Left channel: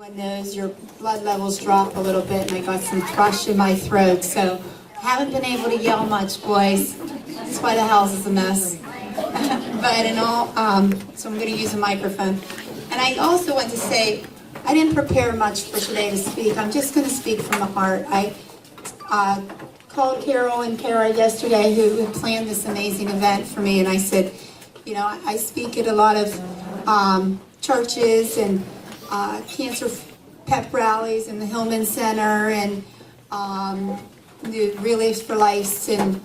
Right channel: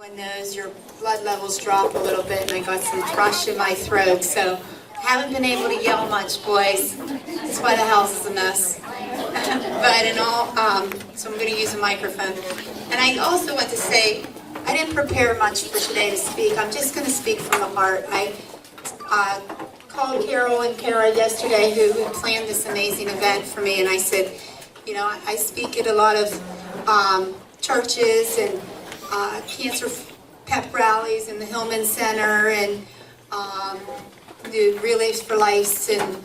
Everyone knows your blood levels drop a little bit, and I got some thrush in my throat, so haven't been able to yell much, boys. That's why the house is a mess. But in all, so I'm going to use a microphone. And I also want to say, I didn't prepare much for today to speak. I'm just going to speak from the heart. I called Carol and Kara yesterday, who planned this amazing event for me, and I said, you know, I speak at a lot of churches and cancer pep rallies in the Hillman Center and the Relays for Life, and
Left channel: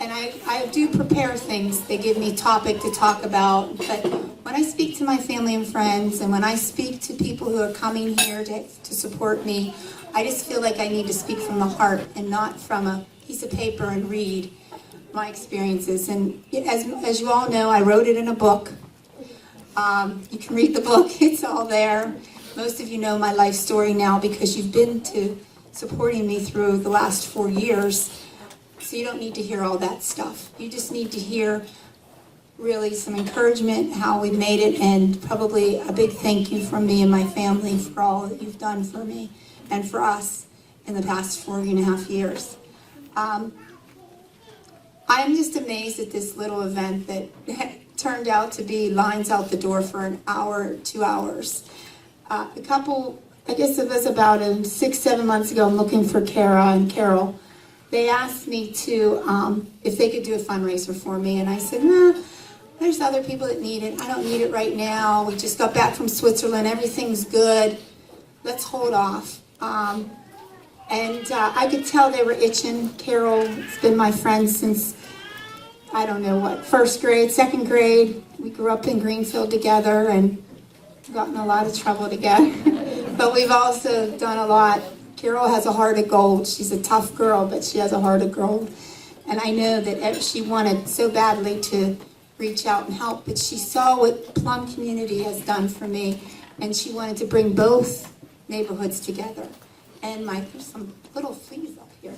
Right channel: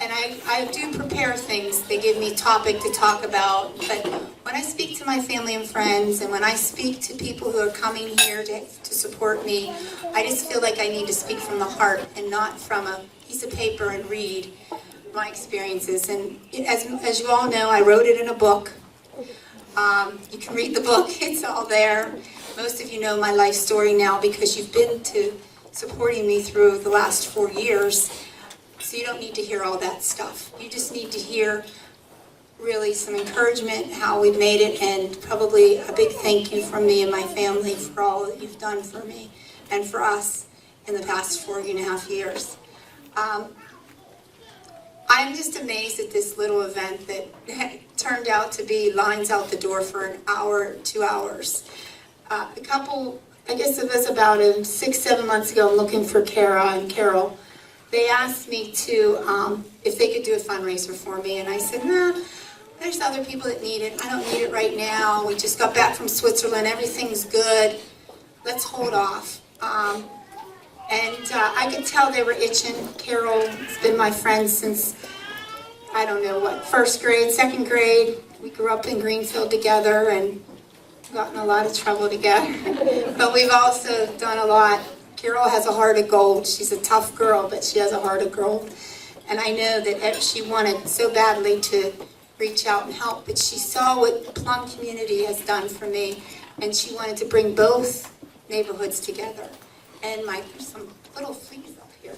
I do prepare things. They give me topic to talk about, but when I speak to my family and friends, and when I speak to people who are coming here to support me, I just feel like I need to speak from the heart and not from a piece of paper and read my experiences. And as you all know, I wrote it in a book. You can read the book, it's all there. Most of you know my life story now because you've been to supporting me through the last 4 years. So you don't need to hear all that stuff. You just need to hear really some encouragement, how we made it, and probably a big thank you from me and my family for all that you've done for me and for us in the past 4.5 years. I'm just amazed at this little event that turned out to be lines out the door for an hour, 2 hours. A couple, I guess it was about 6-7 months ago, I'm looking for Kara and Carol. They asked me to, if they could do a fundraiser for me, and I said, nah, there's other people that need it. I don't need it right now. We just got back from Switzerland. Everything's good. Let's hold off. I could tell they were itching. Carol's been my friend since, I don't know what, first grade, second grade. We grew up in Greenfield together and got in a lot of trouble together. But we've also done a lot. Carol has a heart of gold. She's a tough girl, but she has a heart of gold. And I know that she wanted so badly to reach out and help, but she saw what Plum Community has done for me, and she wanted to bring both neighborhoods together. And there's some little things up here.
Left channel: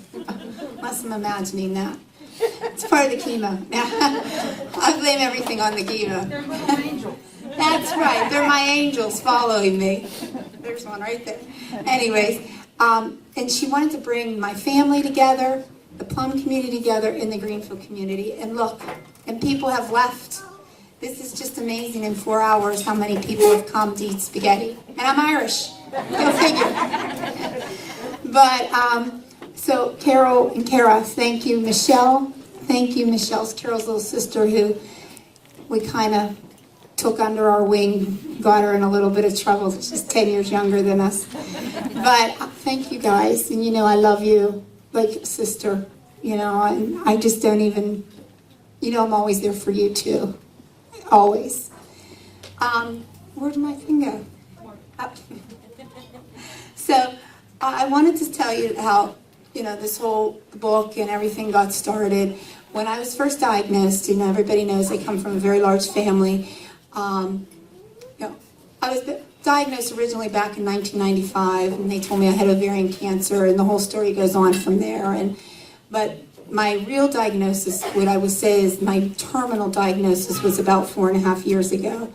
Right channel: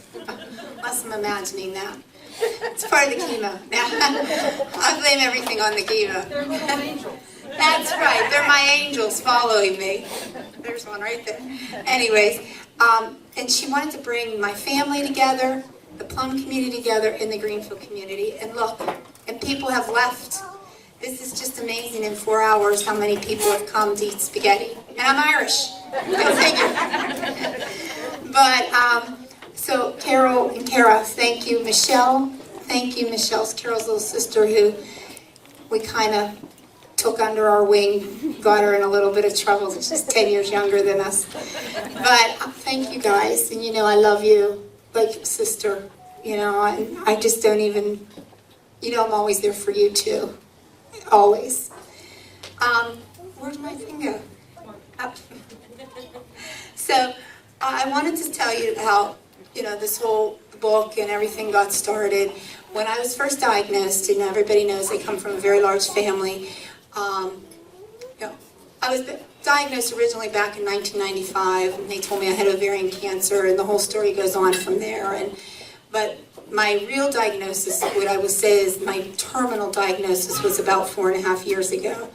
Unless I'm imagining that. It's part of the chemo. I'll blame everything on the chemo. That's right. They're my angels following me. There's one right there. Anyways, and she wanted to bring my family together, the Plum community together, and the Greenfield community. And look, and people have left. This is just amazing in 4 hours how many people have come to eat spaghetti. And I'm Irish. Go figure. But, so Carol and Kara, thank you. Michelle, thank you. Michelle's Carol's little sister who we kind of took under our wing, got her in a little bit of trouble. She's 10 years younger than us. But thank you guys. And you know, I love you like your sister. You know, I just don't even, you know, I'm always there for you too. Always. Where did my thing go? Up. So I wanted to tell you how, you know, this whole book and everything got started. When I was first diagnosed, and everybody knows I come from a very large family, you know, I was diagnosed originally back in 1995, and they told me I had ovarian cancer, and the whole story goes on from there. But my real diagnosis, what I would say is my terminal diagnosis, was about 4.5 years ago,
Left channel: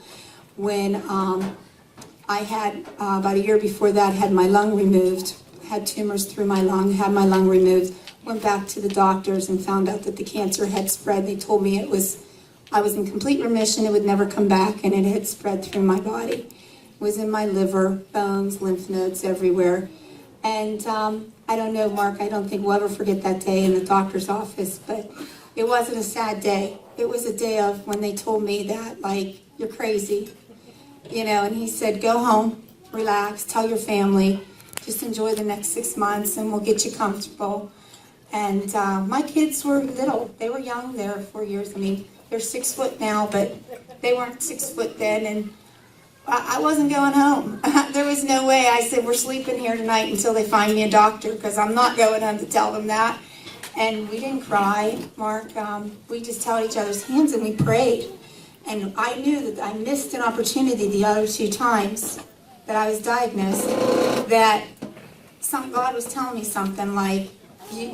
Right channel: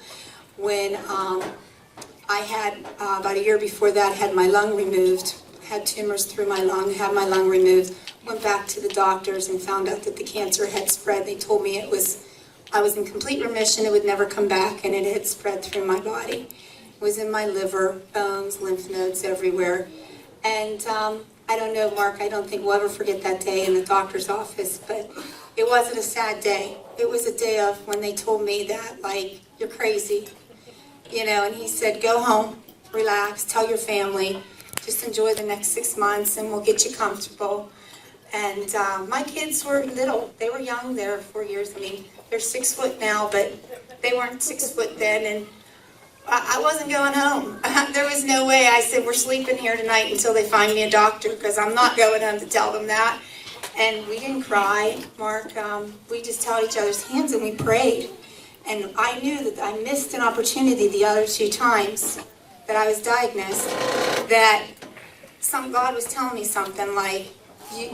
when I had, about a year before that, had my lung removed, had tumors through my lung, had my lung removed, went back to the doctors and found out that the cancer had spread. They told me I was in complete remission, it would never come back, and it had spread through my body. It was in my liver, bones, lymph nodes, everywhere. And I don't know, Mark, I don't think we'll ever forget that day in the doctor's office, but it wasn't a sad day. It was a day of when they told me that, like, you're crazy. You know, and he said, go home, relax, tell your family, just enjoy the next 6 months and we'll get you comfortable. And my kids were little. They were young. They were 4 years. I mean, they're 6 foot now, but they weren't 6 foot then. And I wasn't going home. There was no way. I said, we're sleeping here tonight until they find me a doctor, because I'm not going home to tell them that. And we didn't cry, Mark. We just held each other's hands and we prayed. And I knew that I missed an opportunity the other 2 times that I was diagnosed, that God was telling me something like, you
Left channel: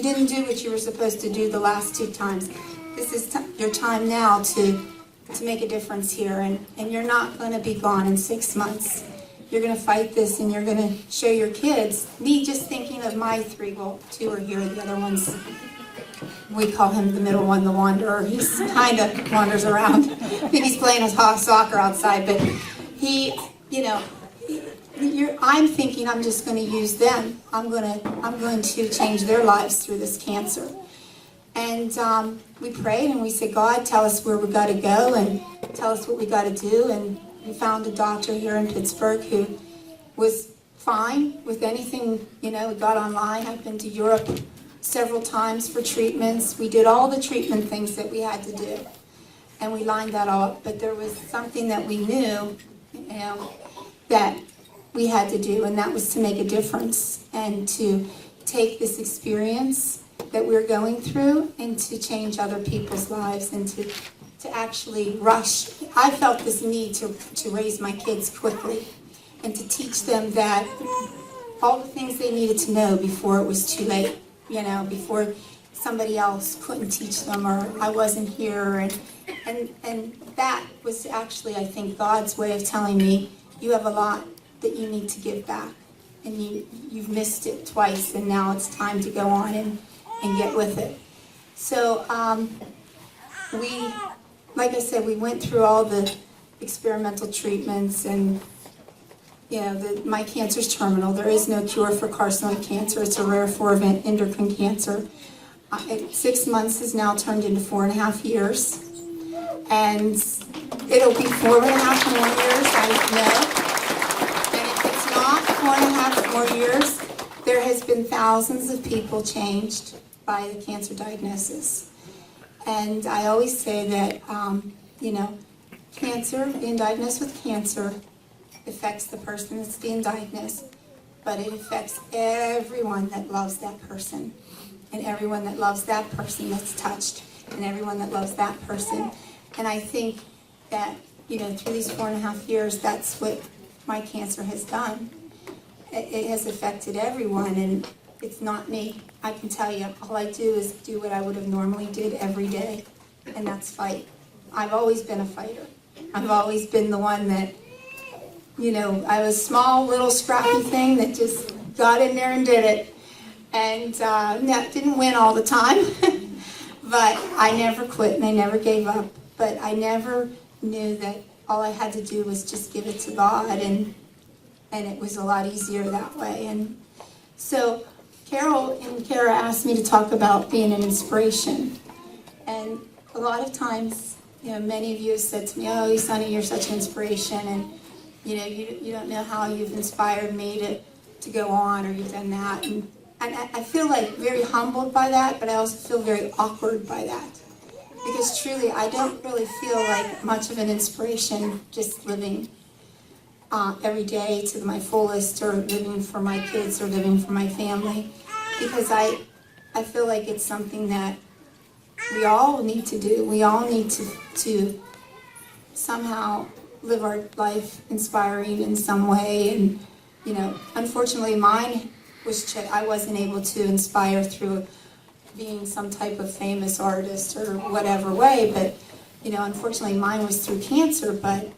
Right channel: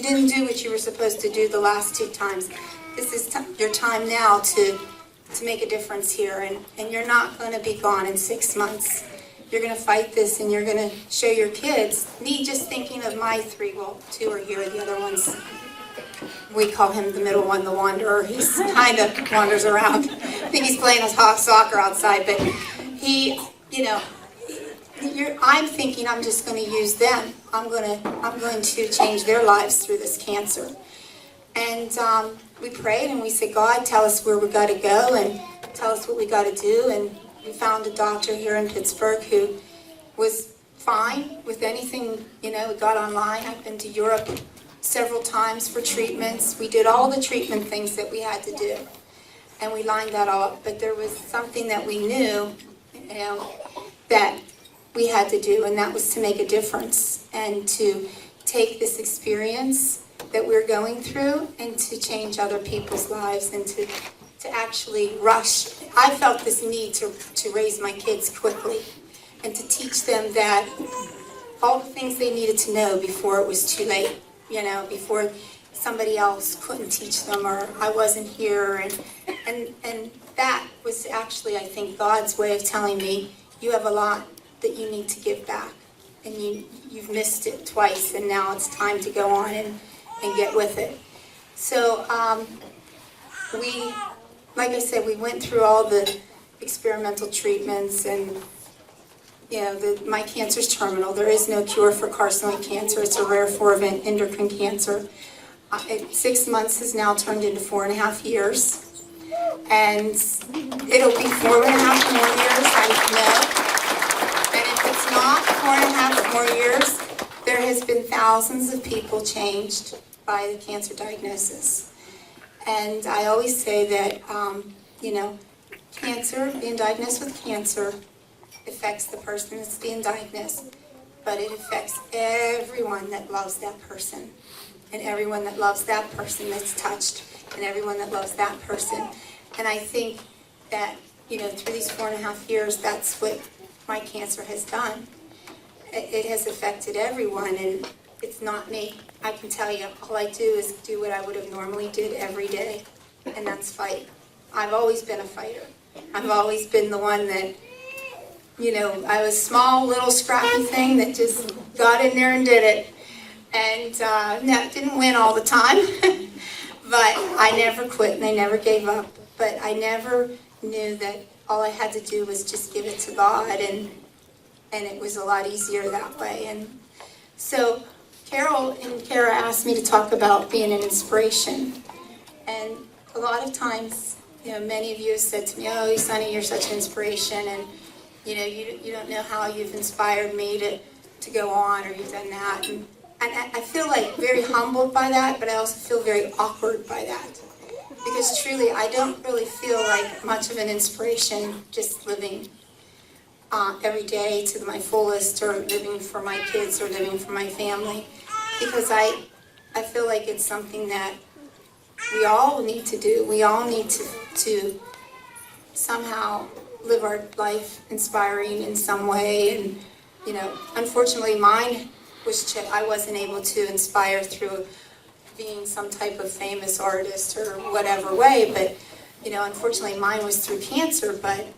didn't do what you were supposed to do the last 2 times. This is your time now to make a difference here, and you're not going to be gone in 6 months. you're going to fight this and you're going to show your kids. Me just thinking of my three, well, two are here, the other one's, we call him the middle one, the wanderer. He's kind of wanders around. I think he's playing his soccer outside, but he, I'm thinking I'm just going to use them. I'm going to change their lives through this cancer. And we prayed and we said, God, tell us where we got to go and tell us what we got to do. And we found a doctor here in Pittsburgh who was fine with anything, we got online. I've been to Europe several times for treatments. We did all the treatment things that we had to do. And we lined that all up. But there was something that we knew, that we had to do, and that was to make a difference and to take this experience that we're going through and to change other people's lives and to actually rush. I felt this need to raise my kids quickly and to teach them that all the things they needed to know before it was too late, before somebody else couldn't teach them or I wasn't here. And that was actually, I think, God's way of telling me, you have a lot that you need to give back. And you've missed it twice, and now it's time to go on and get with it. So like I said, we went through all the experimental treatments, and my cancer's terminal. There is no cure for carcinoid cancer. It's a rare form of endocrine cancer. 6 months has now turned into 4.5 years, and it'll be 4.5 more years, I know. And if it's not 4.5 more years, there has been thousands of people changed by the cancer diagnosis. And I always say that, cancer, being diagnosed with cancer, affects the person that's being diagnosed, but it affects everyone that loves that person, and everyone that loves that person that's touched, and everyone that loves that person. And I think that, through these 4.5 years, that's what my cancer has done. It has affected everyone, and it's not me. I can tell you, all I do is do what I would have normally did every day, and that's fight. I've always been a fighter. I've always been the one that, I was a small, little, scrappy thing that just got in there and did it. And didn't win all the time, but I never quit and I never gave up. But I never knew that all I had to do was just give it to God, and it was a lot easier that way. And so Carol and Kara asked me to talk about being an inspiration. And a lot of times, many of you have said to me, oh, Sonny, you're such an inspiration, and you don't know how you've inspired me to go on, or you've done that. And I feel like very humbled by that, but I also feel very awkward by that. Because truly, I don't really feel like much of an inspiration just living every day to my fullest, or living for my kids, or living for my family. Because I feel like it's something that we all need to do. We all need to somehow live our life inspiring in some way. And, unfortunately mine was I wasn't able to inspire through being some type of famous artist or whatever way, but, unfortunately mine was through cancer. But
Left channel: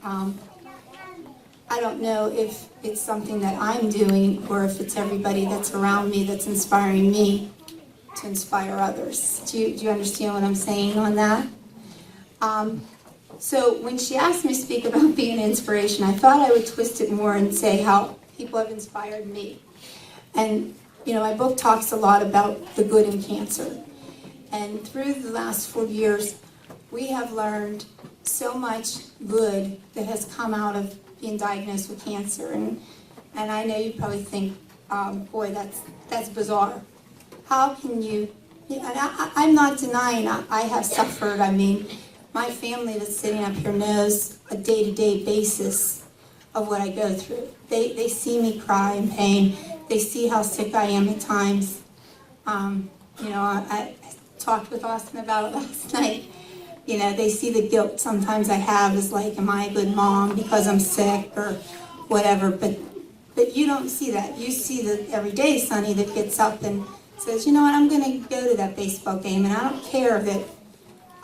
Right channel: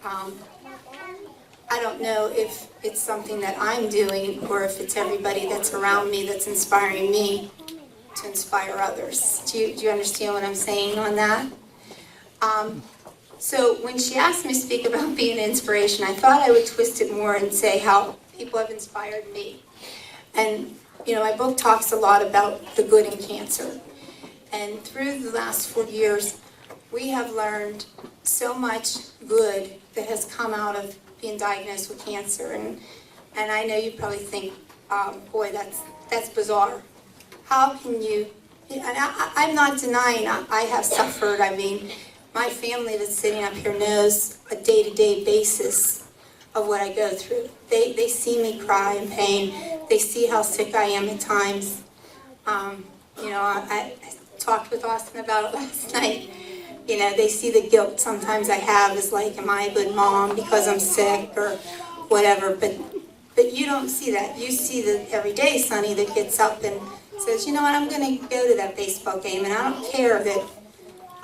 I don't know if it's something that I'm doing, or if it's everybody that's around me that's inspiring me to inspire others. Do you understand what I'm saying on that? So when she asked me to speak about being an inspiration, I thought I would twist it more and say how people have inspired me. And, my book talks a lot about the good in cancer. And through the last 4 years, we have learned so much good that has come out of being diagnosed with cancer. And I know you probably think, boy, that's bizarre. How can you, I'm not denying I have suffered. I mean, my family that's sitting up here knows a day-to-day basis of what I go through. They see me cry in pain. They see how sick I am at times. I talked with Austin about it last night. They see the guilt sometimes I have is like, am I a good mom because I'm sick or whatever? But you don't see that. You see the everyday Sonny that gets up and says, you know what, I'm going to go to that baseball game, and I don't care that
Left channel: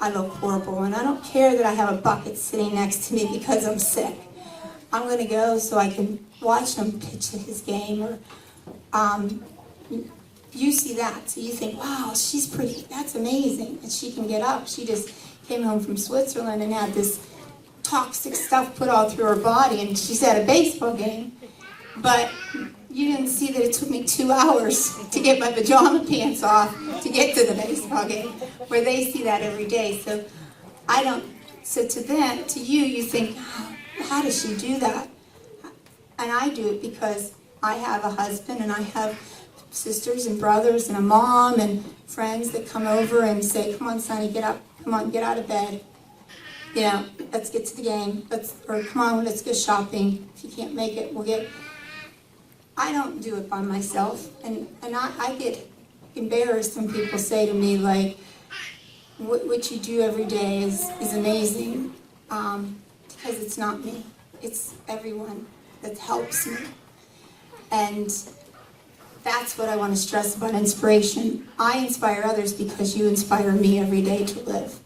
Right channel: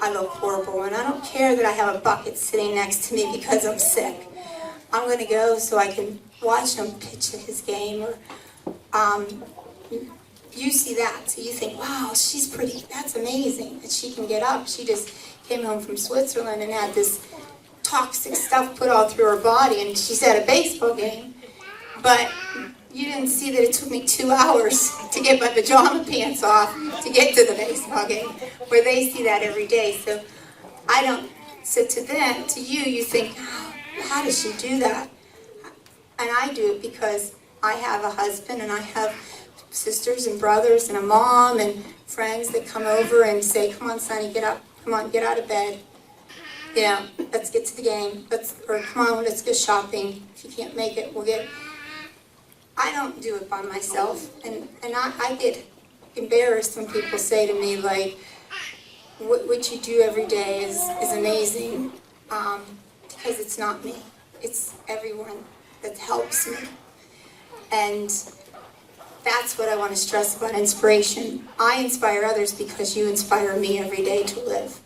I look horrible, and I don't care that I have a bucket sitting next to me because I'm sick. I'm going to go so I can watch him pitch his game, or you see that, so you think, wow, she's pretty, that's amazing, and she can get up. She just came home from Switzerland and had this toxic stuff put all through her body, and she's at a baseball game. But you didn't see that it took me 2 hours to get my pajama pants off to get to the baseball game, where they see that every day. So to you think, oh, how does she do that? And I do it because I have a husband, and I have sisters and brothers and a mom and friends that come over and say, come on, Sonny, get up. Come on, get out of bed. You know, let's get to the game. Or come on, let's go shopping. If you can't make it, we'll get... I don't do it by myself. And I get embarrassed when people say to me, like, what you do every day is amazing. Because it's not me. It's everyone that helps me. And that's what I want to stress about inspiration. I inspire others because you inspire me every day to live.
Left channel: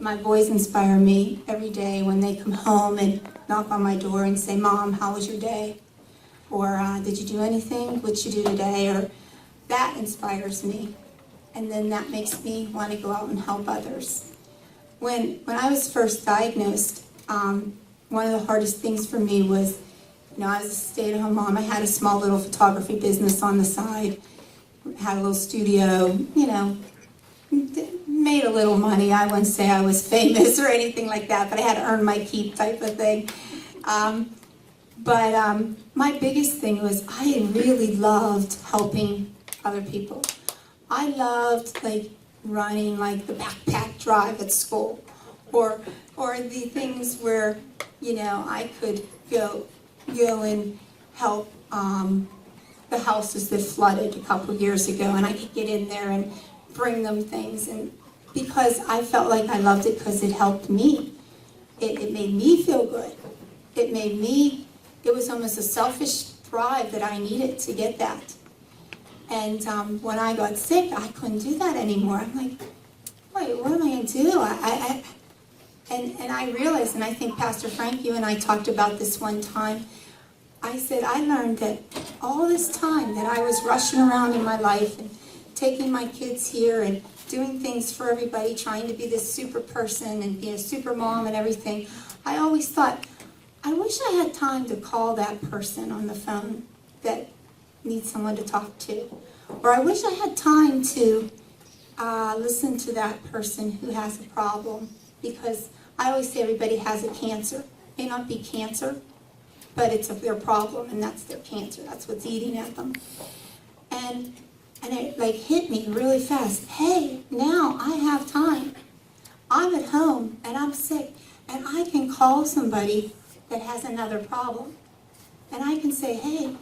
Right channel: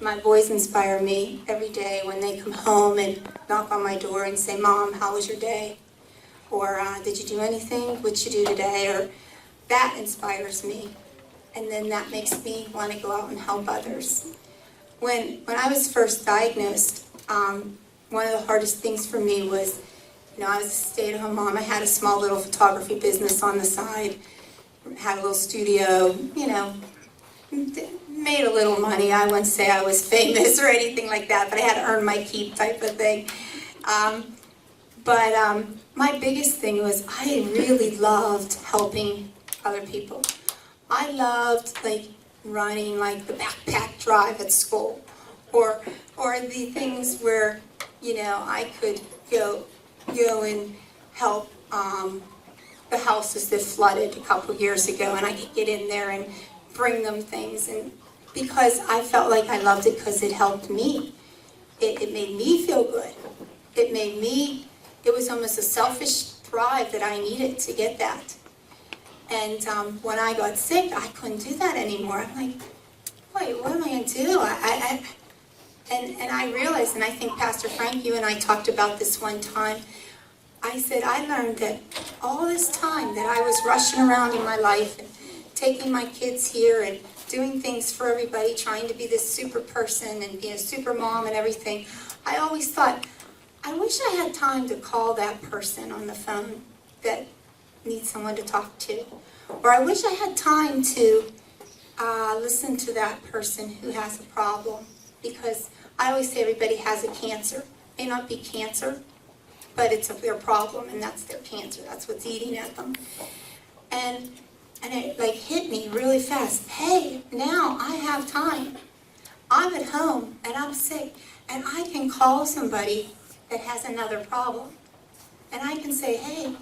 My boys inspire me every day when they come home and knock on my door and say, Mom, how was your day? Or did you do anything? What'd you do today? Or that inspires me. And then that makes me want to go out and help others. When I was first diagnosed, one of the hardest things for me was, I was a stay-at-home mom. I had a small little photography business on the side, had a little studio, made a little money. I wouldn't say I was famous or anything like that, but I had to earn my keep type of thing. But my biggest thing was I really loved helping other people. I loved running the backpack drive at school, or the things where I could go and help the houses that flooded a couple years ago, and I could get in there and bring them things, and because I felt like I loved it because it helped me. It made me feel good. It was almost a selfish drive that I needed to get that. And when I got sick, I couldn't do that anymore. I'm like, wait, what am I going to do? And I realized, and I think Pastor Frank, you and I talked about this one time, I said, I learned that all this time that I was rushing around in my life and taking my kids here and doing things for everybody, trying to be this super person and be a super mom and everything, I always thought, I wish I had time to call that person on the phone that needs someone to talk to. Or I wish I had time to listen to that person who has a problem. Because I always say everybody has a cancer. It may not be cancer, but it's their problem, and that's their cancer. That's what's eating at them. And it hit me really fast. Hey, now I have time. I'm at home, and I'm sick, and I can call somebody that has another problem. And I can say, hey,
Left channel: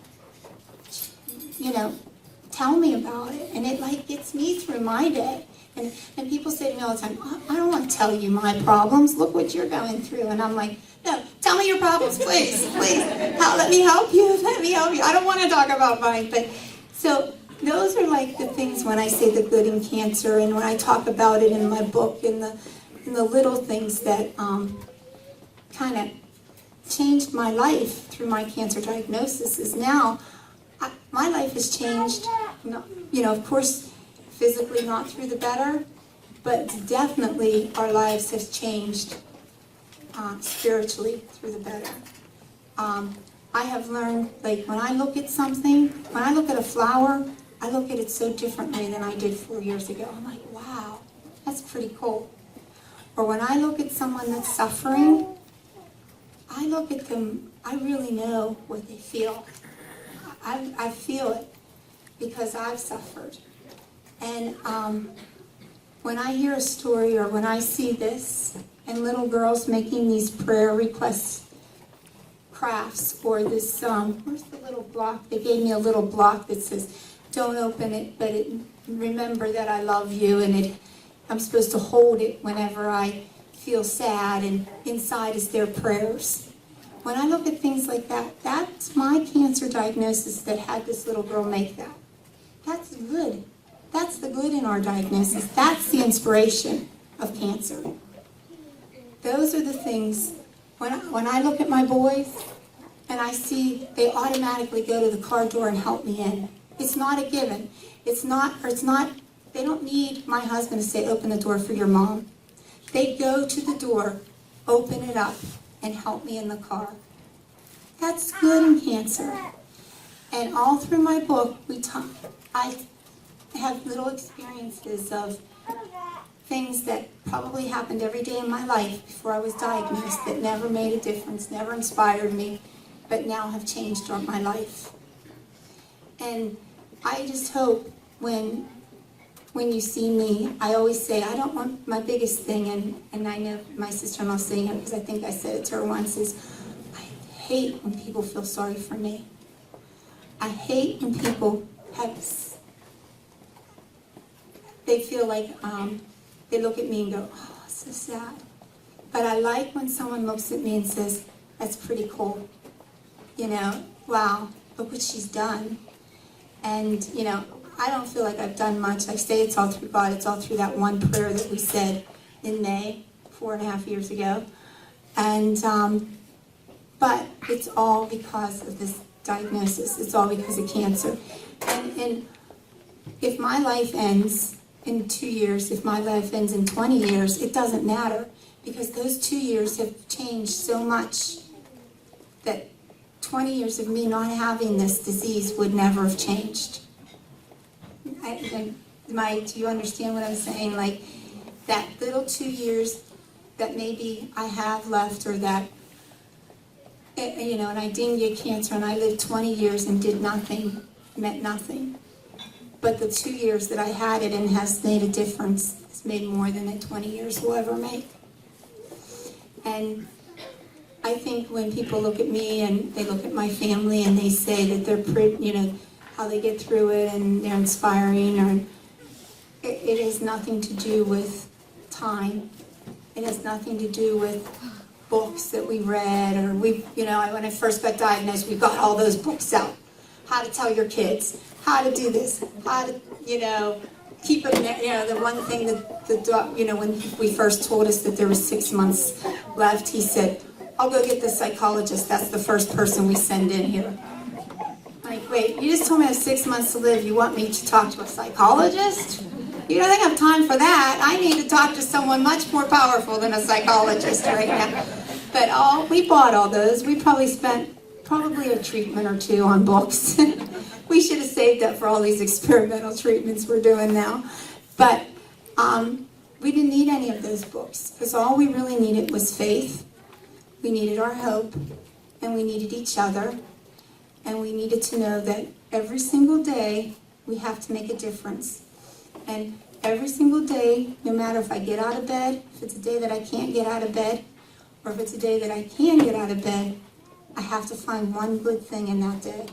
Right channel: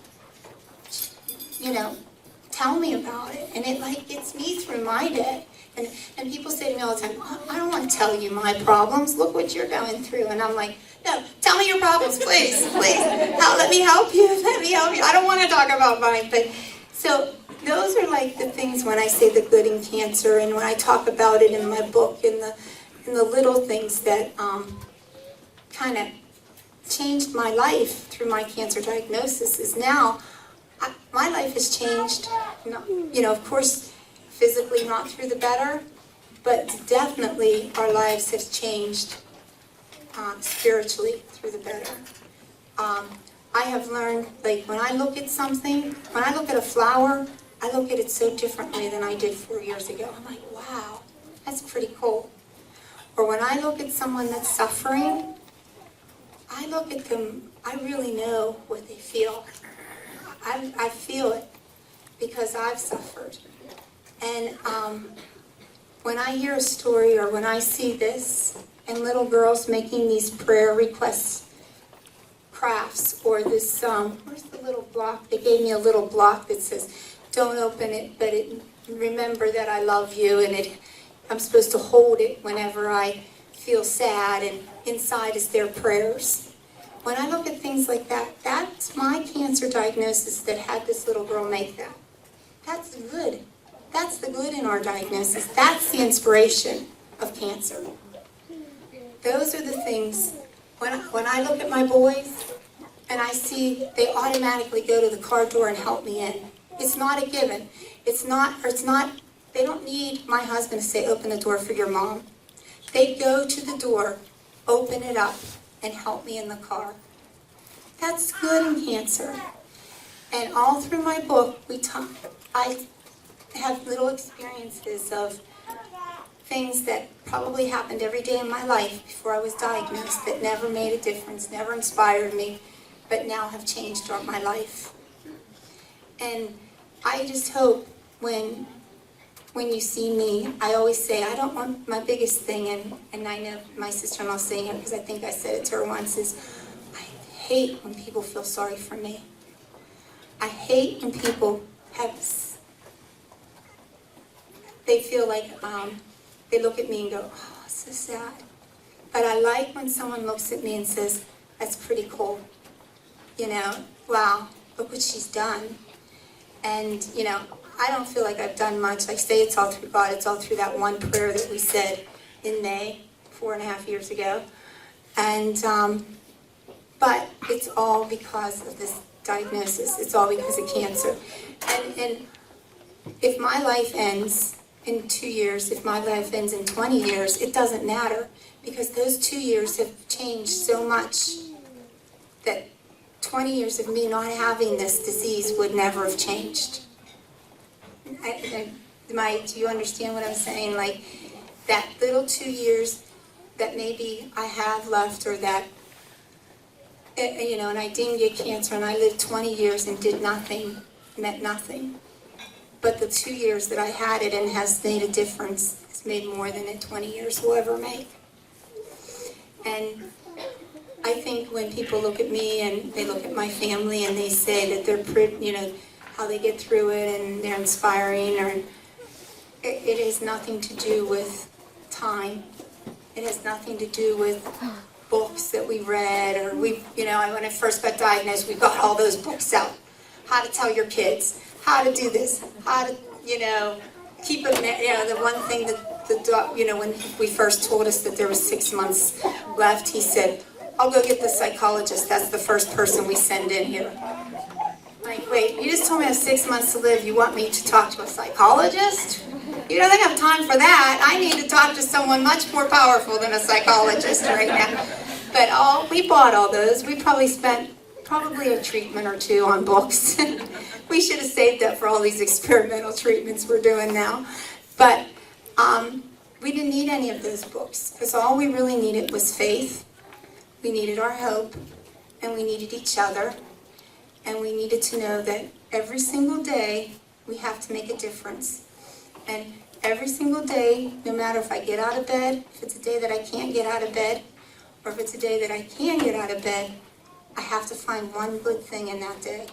tell me about it. And it gets me through my day. And people say to me all the time, I don't want to tell you my problems. Look what you're going through. And I'm like, no, tell me your problems, please. Let me help you. I don't want to talk about mine. But so those are the things when I say the good in cancer, and when I talk about it in my book, in the little things that kind of changed my life through my cancer diagnosis. Is now my life has changed. Of course, physically not through the better, but definitely our lives have changed spiritually through the better. I have learned, when I look at something, when I look at a flower, I look at it so differently than I did 4 years ago. I'm like, wow, that's pretty cool. Or when I look at someone that's suffering, I look at them, I really know what they feel. I feel it because I've suffered. And when I hear a story, or when I see this, and little girls making these prayer requests crafts, or this, where's the little block? They gave me a little block that says, don't open it, but remember that I love you, and I'm supposed to hold it whenever I feel sad, and inside is their prayers. When I look at things like that, that's my cancer diagnosis that had this little girl make that. That's good. That's the good in our diagnosis. That's the inspiration of cancer. Those are the things when I look at my boys and I see they automatically go to the car door and help me in. It's not a given. It's not, they don't need my husband to say, open the door for your mom. They go to the door, open it up, and help me in the car. That's good in cancer. And all through my book, I have little experiences of things that probably happened every day in my life before I was diagnosed that never made a difference, never inspired me, but now have changed my life. And I just hope when you see me, I always say, I don't want my biggest thing, and I know my sister-in-law saying it because I think I said it to her once, is I hate when people feel sorry for me. I hate when people they feel like, they look at me and go, oh, it's so sad. But I like when someone looks at me and says, that's pretty cool. You know, wow, look what she's done. And, you know, I don't feel like I've done much. I say it's all through God. It's all through that one prayer that we said in May, 4.5 years ago. And, but it's all because of this diagnosis. It's all because of cancer. And if my life ends in 2 years, if my life ends in 20 years, it doesn't matter, because those 2 years have changed so much that 20 years of me not having this disease would never have changed. Do you understand what I'm saying? Like, that little 2 years that maybe I have left, or that, you know, and I didn't get cancer, and I lived 20 years and did nothing, meant nothing. But the 2 years that I had it and has made a difference, has made more than the 20 years will ever make. And I think when people look at me and they look at my family and they say that they're, you know, how they get through it and they're inspiring, or it has nothing to do with time. It has nothing to do with books that we read, or you know, when I first got diagnosed, we got all those books out. How to tell your kids, how to do this, how to, you know, keep them, you know, the one thing that you know, when we first told us that there was 6 months left, he said, I'll go get the psychologist. That's the first person we send in here. Like, wait, you just told me I have 6 months to live. You want me to talk to a psychologist? You don't think I have time for that. I need to talk to someone much more powerful than a psychologist right now. But we bought all those. We probably spent a treatment or two on books. We should have saved that for all these experimental treatments we're doing now. But we didn't need any of those books, because all we really needed was faith. We needed our hope, and we needed each other, and we needed to know that every single day we have to make a difference. And every single day, no matter if I get out of bed, if it's a day that I can't get out of bed, or if it's a day that I can get out of bed, I have to find one good thing in that day.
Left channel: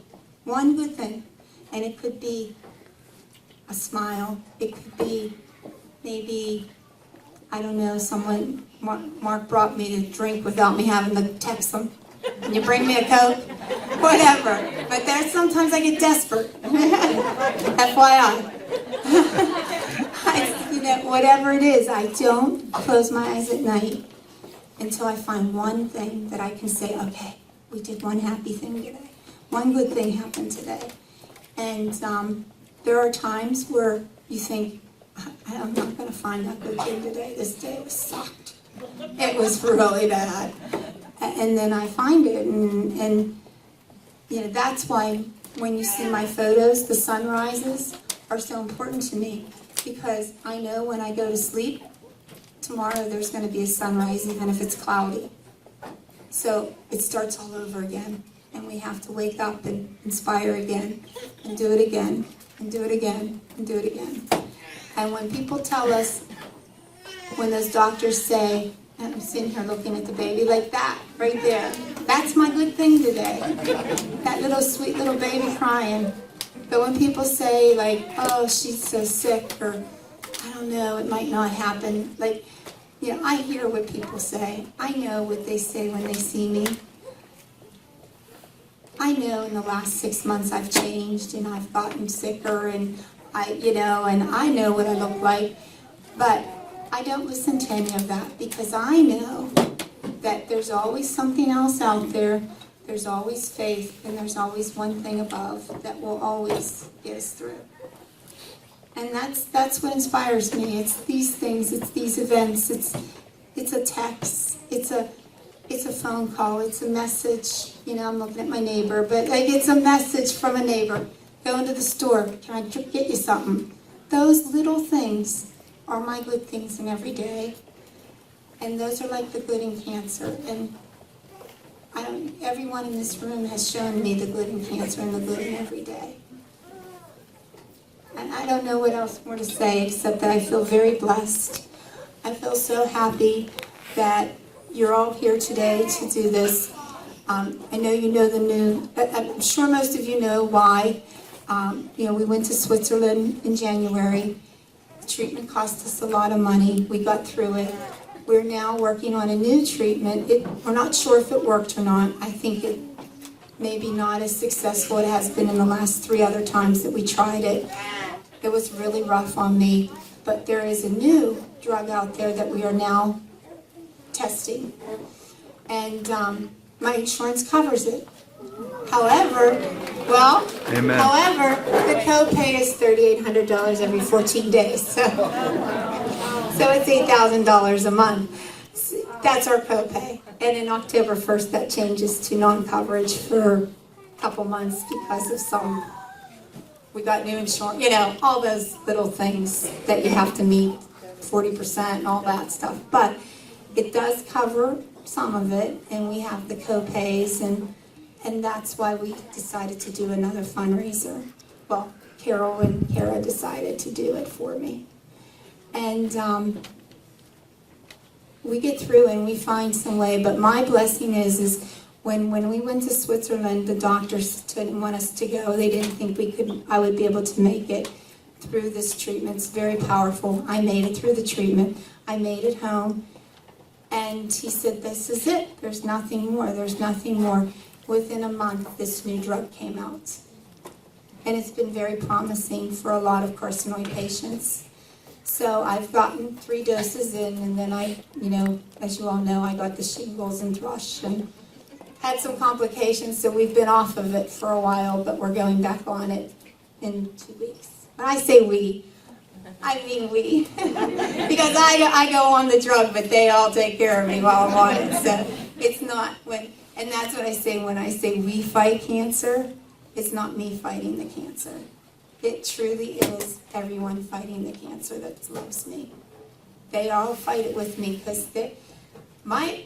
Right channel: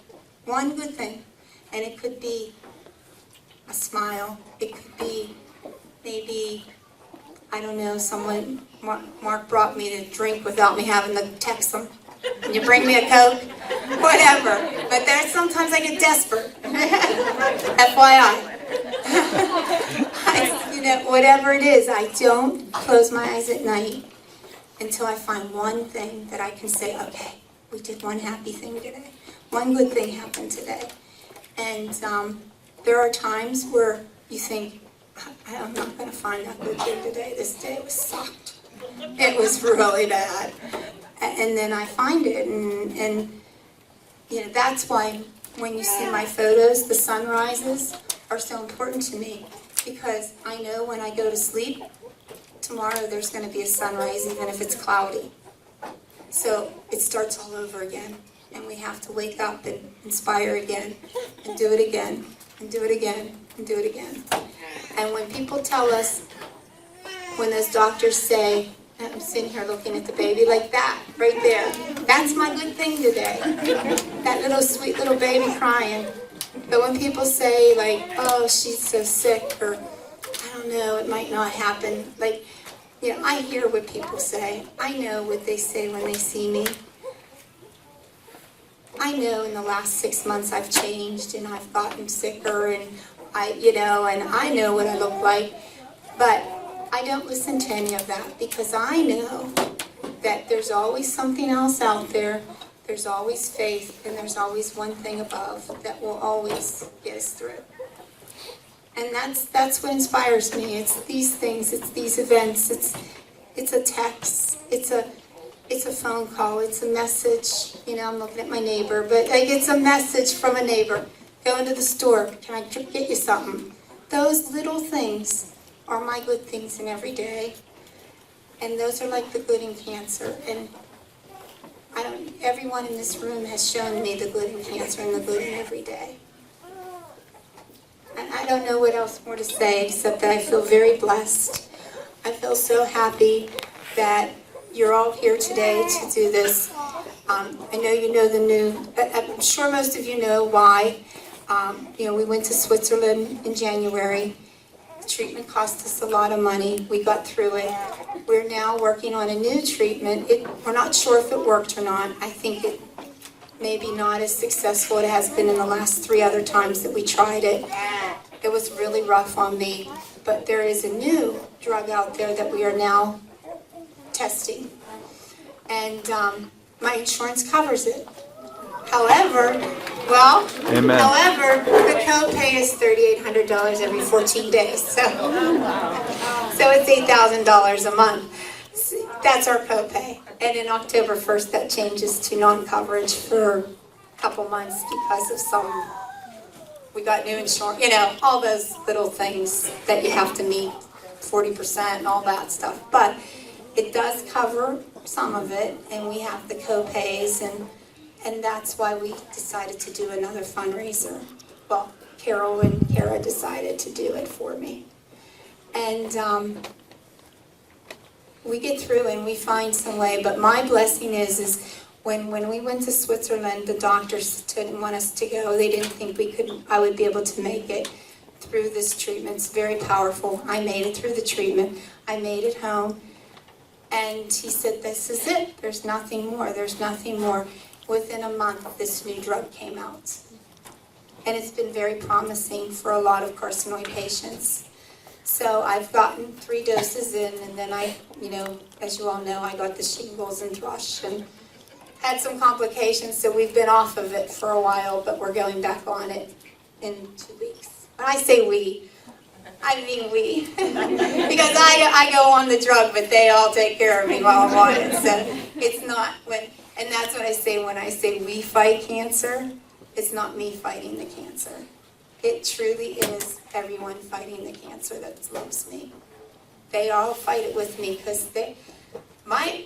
One good thing. And it could be a smile. It could be maybe, I don't know, someone, Mark brought me the drink without me having to text him. Can you bring me a Coke? Whatever. But then sometimes I get desperate. FYI. You know, whatever it is, I don't close my eyes at night until I find one thing that I can say, okay, we did one happy thing today. One good thing happened today. And there are times where you think, I'm not going to find that good thing today. This day was sucked. It was really bad. And then I find it. And you know, that's why when you see my photos, the sunrises are so important to me. Because I know when I go to sleep, tomorrow there's going to be a sunrise, even if it's cloudy. So it starts all over again. And we have to wake up and inspire again, and do it again, and do it again, and do it again. And when people tell us, when those doctors say, and I'm sitting here looking at the baby like that, right there, that's my good thing today. That little sweet little baby crying. But when people say, like, oh, she's so sick, or I don't know, it might not happen, like, you know, I hear what people say. I know what they say when they see me. I know in the last 6 months I've changed, and I've gotten sicker, and and I know what I look like, but I don't listen to any of that, because I know that there's always something else out there, there's always faith, and there's always one thing above that will always get us through. And that's what inspires me. It's these things, it's these events, it's a text, it's a phone call, it's a message. You know, I'm looking at my neighbor, but like, it's a message from a neighbor. Go into the store, can I get you something? Those little things are my good things in every day. And those are like the good in cancer. And everyone in this room has shown me the good in cancer and the good in every day. And I don't know what else more to say except that I feel very blessed. I feel so happy that you're all here today to do this. I know you know the new, I'm sure most of you know why. We went to Switzerland in January. The treatment cost us a lot of money. We got through it. We're now working on a new treatment. We're not sure if it worked or not. I think it maybe not as successful as it has been in the last 3 other times that we tried it. It was really rough on me. But there is a new drug out there that we are now testing. And my insurance covers it. However, the copay is $3,800 every 14 days. So it's $8,000 a month. That's our copay. And in October 1st, that changes to non-coverage for a couple months because of we got new insurance, all those little things that you have to meet, 40% and all that stuff. But it does cover some of it, and we have the copays, and that's why we decided to do another fundraiser. Well, Carol and Kara decided to do it for me. And we get through and we find some way, but my blessing is when we went to Switzerland, the doctors didn't want us to go. They didn't think I would be able to make it through this treatment. It's very powerful. I made it through the treatment. I made it home. And he said, this is it. There's nothing more. There's nothing more. Within a month, this new drug came out. And it's been very promising for a lot of carcinoid patients. So I've gotten 3 doses in, and then as you all know, I got the shingles and thrush and had some complications, so we've been off of it for a while, but we're going back on it in 2 weeks. When I say we, I mean we. Because I go on the drug, but they all take care of me while I'm on it. So it's not and that's what I say when I say we fight cancer. It's not me fighting the cancer. It truly is everyone fighting the cancer that loves me. They all fight it with me because my